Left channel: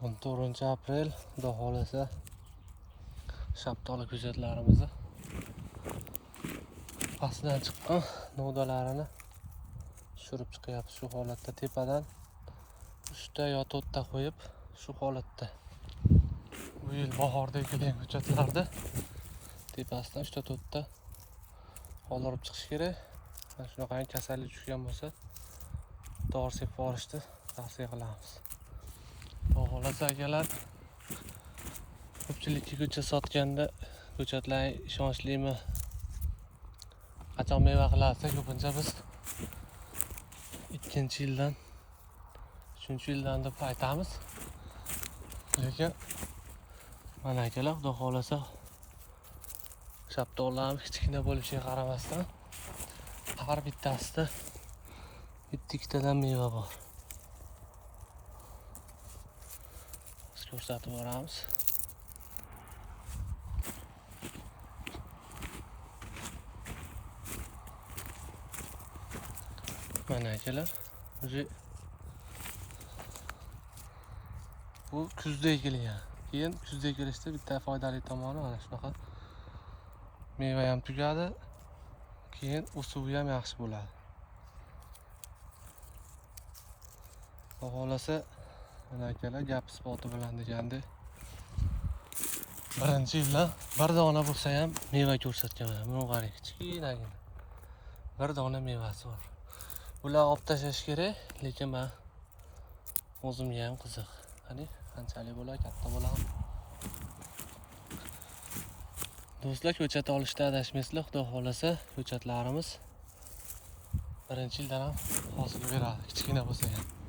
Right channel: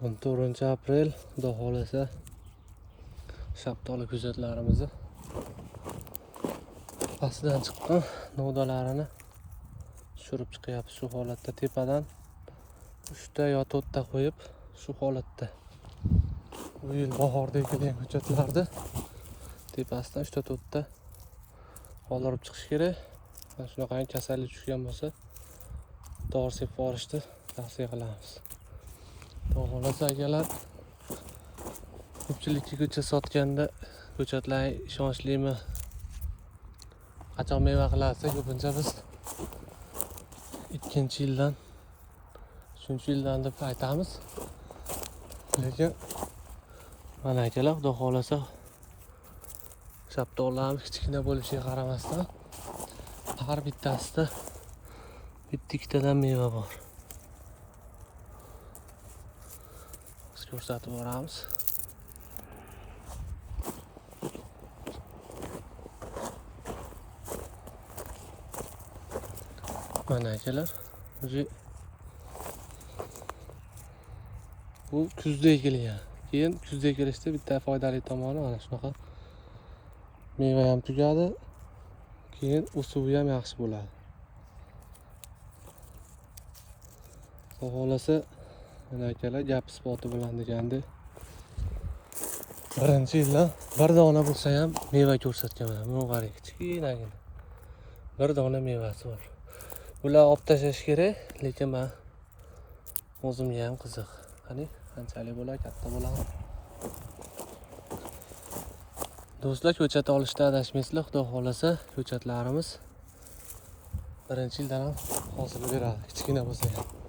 14 aprel, xudo xohlasa shaftoli ko'chatlarimizni pastidan chiqqan novdalarini tushirib chiqyapmiz. Shu holatda tepadan 3 ta yo 4 ta qo'yib, shu holatda bu yil bahorda ekilgan ko'chatlarni tepasidan 3 ta 4 ta qoldirib chiqish kerak. Shunaqa kasallik tushgan bo'lsa dori sepib yuborishni tavsiya qilamiz. Xudo xohlasa akalar, ko'pchilikka ko'chat sotganda ko'chatlar ishonchlimi, qachon meva qiladi, ko'pincha biz 2-yildan 3-yildan deb aytamiz. Lekin mana akalar, xudo xohlasa shaftollarimiz kichkina bo'lishiga qaramasdan har bittasida bitta-ikkitadan meva bor. Biz ko'rsatib boramiz. Mana akalar, bu kuzda ekilgan. Keyin kuzda ekilishda bitta foydali tomoni mana shunaqa meva ham tugadi. Keyin o'suvi ham yaxshi bo'ladi. Xudo xohlasa mana akalar, gap isboti bilan degandek, birinchi yildan bir dona bo'lsa ham meva ko'rsatganman. Buni qarang, kichkinagina bir dona mevasi bor. Bular olib tashlash kerak, lekin men o'zimga ham qiziq. Qani qanchalik bo'ladi, katta bo'ladi. Do'stlar, ko'chat olishda adashmaysizlar. Xudo xohlasa ko'chatlarimiz birinchi yildan ham hosil beradi, kichkina bo'lsa ham.